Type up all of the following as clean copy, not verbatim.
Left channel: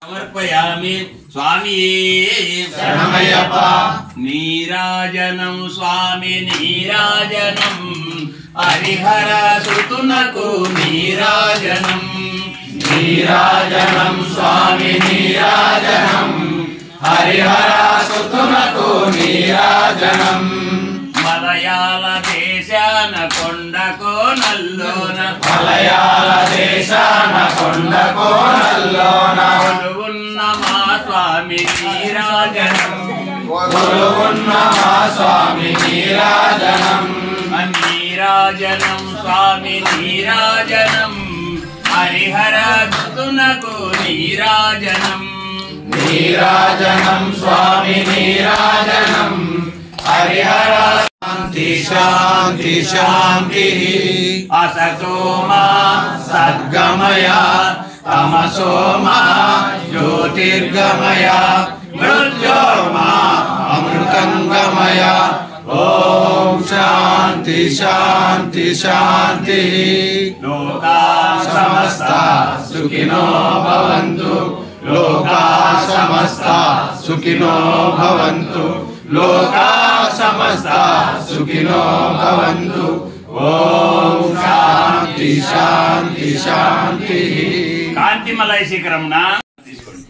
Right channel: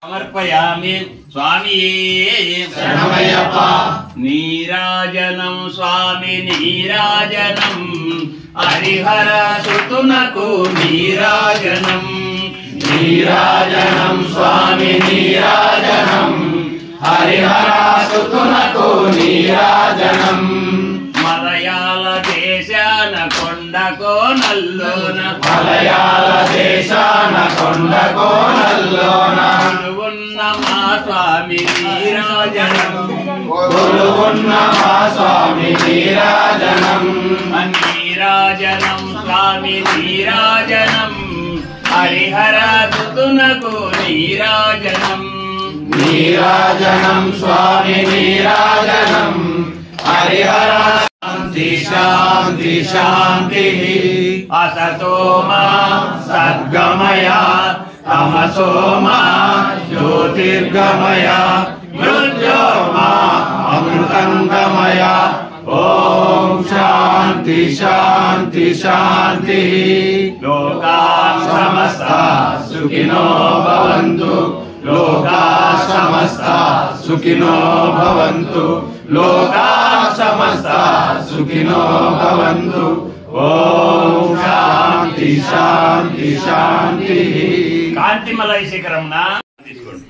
సమర్పయామి స్వామియే శరణమయ్యప్ప నీరాజనం స్వామి నీరాజనం హరిహర సుతునకు నీరాజనం నీరాజనం స్వామి నీరాజనం హరిహర సుతునకు నీరాజనం మలయాళ దేశాన కొండకో నల్లోన మలయాళ దేశాన కొండకో నల్లోన కొలువున్న మా స్వామి నీరాజనం కొలువున్న మా స్వామి నీరాజనం నీరాజనం స్వామి నీరాజనం హరిహర సుతునకు నీరాజనం నీరాజనం స్వామి నీరాజనం హరిహర శాంతి శాంతి శాంతి అసతో మా సద్గమయ తమసో మా జ్యోతిర్గమయ మృత్యోర్మా అమృతంగమయ ఓం శాంతి శాంతి శాంతి లోకా సమస్త సుఖినో భవంతు లోకా సమస్త సుఖినో భవంతు లోకా సమస్త సుఖినో భవంతు ఓం శాంతి శాంతి శాంతి కాంతిమలయ శిఖరం నా తీసుకోండి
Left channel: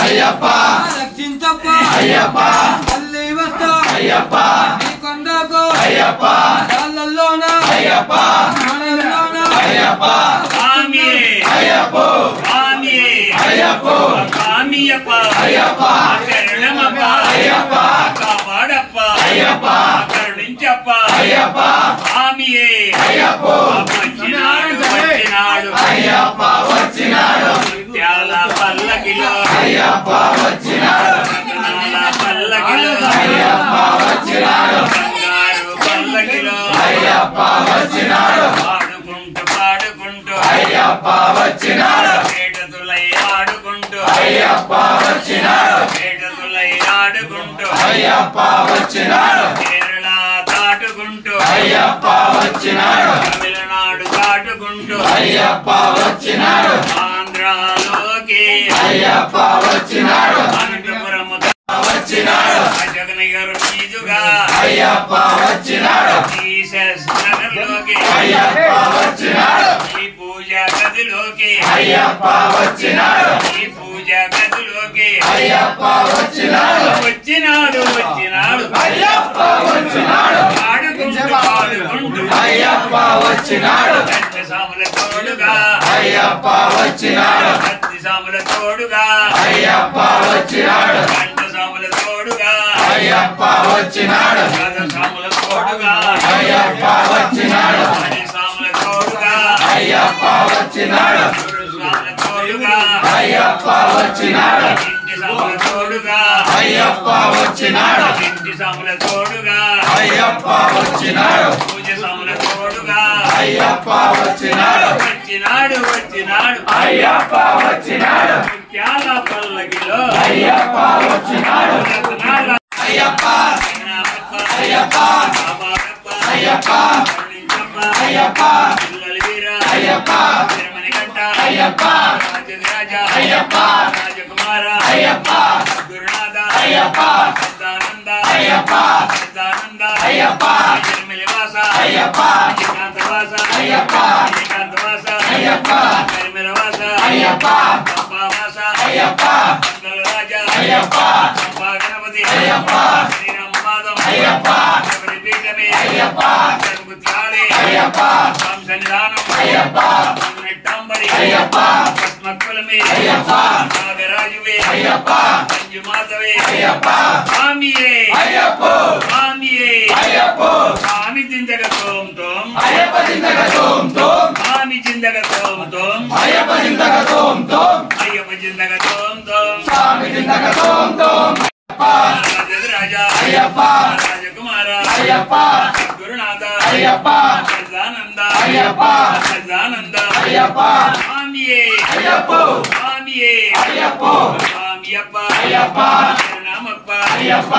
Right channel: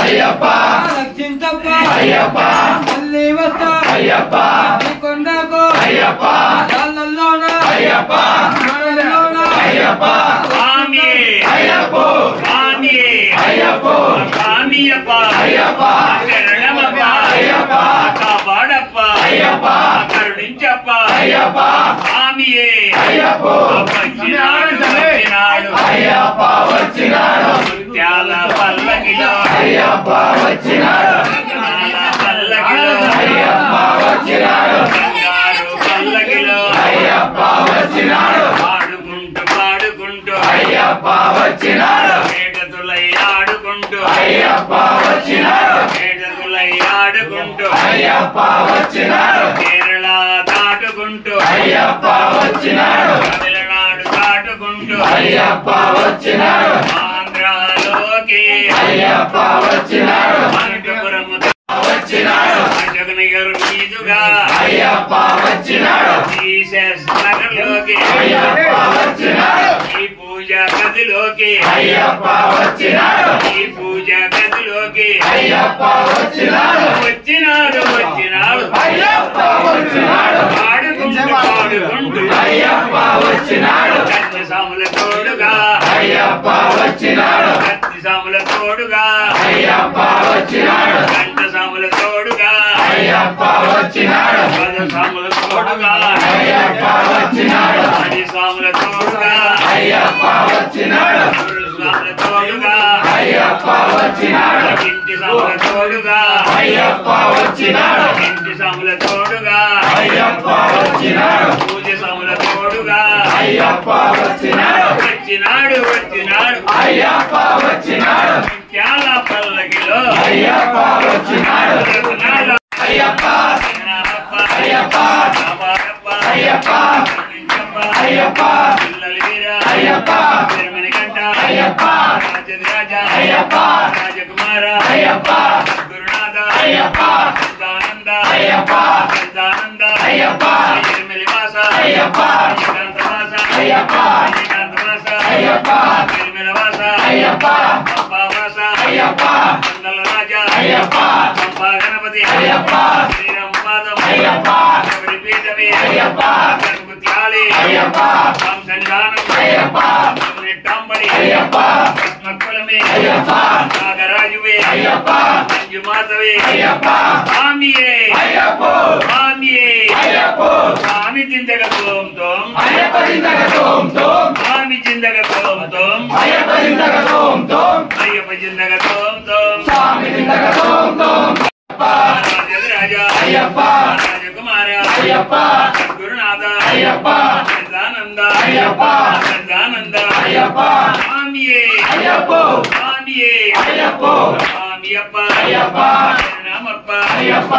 అయ్యప్ప రక్షించప్ప అయ్యప్ప మళ్ళీ వస్తా అయ్యప్ప కొండకు అయ్యప్ప కాళ్ళల్లోన అయ్యప్ప కాళ్ళల్లోన అయ్యప్ప స్వామి అయ్యప్ప స్వామి అయ్యప్ప స్వామియప్ప అయ్యప్ప శరణమప్ప అయ్యప్ప కాపాడప్ప అయ్యప్ప కరుణించప్ప అయ్యప్ప స్వామియే అయ్యప్ప వచ్చినాడు అయ్యప్ప వచ్చినాడు ముత్యాల పల్లకిలో అయ్యప్ప వచ్చినాడు రత్నాల పల్లకిలో అయ్యప్ప వచ్చినాడు బంగారు పల్లకిలో అయ్యప్ప వచ్చినాడు పాడుకుంటూ పాడుకుంటూ అయ్యప్ప వచ్చినాడు పేటతులై ఆడుకుంటూ అయ్యప్ప వచ్చినాడు పేటతులై ఆడుకుంటూ అయ్యప్ప వచ్చినాడు కేరళ అయ్యప్ప వచ్చినాడు తమిళనాడు దాటుకుంటూ అయ్యప్ప వచ్చినాడు ఆంధ్రాలోకి అయ్యప్ప వచ్చినాడు అనంతపురము వచ్చినాడు జగనగర్ మీదుగా అయ్యప్ప వచ్చినాడు జీసస్ నగర్లోకి అయ్యప్ప వచ్చినాడు ఈ పూజా గదిలోకి అయ్యప్ప వచ్చినాడు ఈ పూజా గదిలోకి అయ్యప్ప వచ్చినాడు వచ్చినాడు అయ్యప్ప వచ్చినాడు పాడుకుంటూ అయ్యప్ప వచ్చినాడు కత్తి సాముల తోడుగా అయ్యప్ప వచ్చినాడు కత్తి సాముల తోడుగా అయ్యప్ప వచ్చినాడు గంట సాముల తోడుగా అయ్యప్ప వచ్చినాడు గద సాముల తోడుగా అయ్యప్ప వచ్చినాడు పది సాముల తోడుగా అయ్యప్ప వచ్చినాడు సాముల తోడుగా అయ్యప్ప వచ్చినాడు ఇంటి సాముల తోడుగా అయ్యప్ప వచ్చినాడు ఇంటి సాముల తోడుగా అయ్యప్ప వచ్చినాడు పూజ సాముల తోడుగా అయ్యప్ప వచ్చినాడు వచ్చినాడు అయ్యప్ప వచ్చినాడు చాలా పల్లకిలో అయ్యప్ప వచ్చినాడు అయ్యప్ప అయ్యప్ప అయ్యప్ప అయ్యప్ప అయ్యప్ప అయ్యప్ప అయ్యప్ప రాజకుమార అయ్యప్ప గురునాథ అయ్యప్ప సదానంద అయ్యప్ప సదానంద అయ్యప్ప నిర్మలివాస అయ్యప్ప ఏకాంతవాస అయ్యప్ప ఏకాంతవాస అయ్యప్ప నిర్మలవాస అయ్యప్ప పంపావాస అయ్యప్ప మంగళరాజ అయ్యప్ప పంపా గణపతి అయ్యప్ప శ్రీరామపాదం అయ్యప్ప శబరిపీఠమే అయ్యప్ప జగముత్యాలి అయ్యప్ప సంసన్నిధానం అయ్యప్ప నెట్టాంబడి అయ్యప్ప పద్మకులమే అయ్యప్ప నాగరాజువే అయ్యప్ప మంజుమాతవే అయ్యప్ప స్వామియే అయ్యప్ప స్వామియే అయ్యప్ప స్వామి జిందగ తోం తోం అయ్యప్ప జిందగ తోం తోం స్వామి జిందగ తోం తోం అయ్యప్ప జిందగ తోం తోం అయ్యప్ప జిందగ తోం తోం స్వామి జిందగ తోం తోం రాజా అయ్యప్ప రాజకుమార అయ్యప్ప గురునాథ అయ్యప్ప సదానంద అయ్యప్ప సదానంద అయ్యప్ప స్వామియే అయ్యప్ప స్వామియే అయ్యప్ప స్వామియప్ప అయ్యప్ప నామప్ప అయ్యప్ప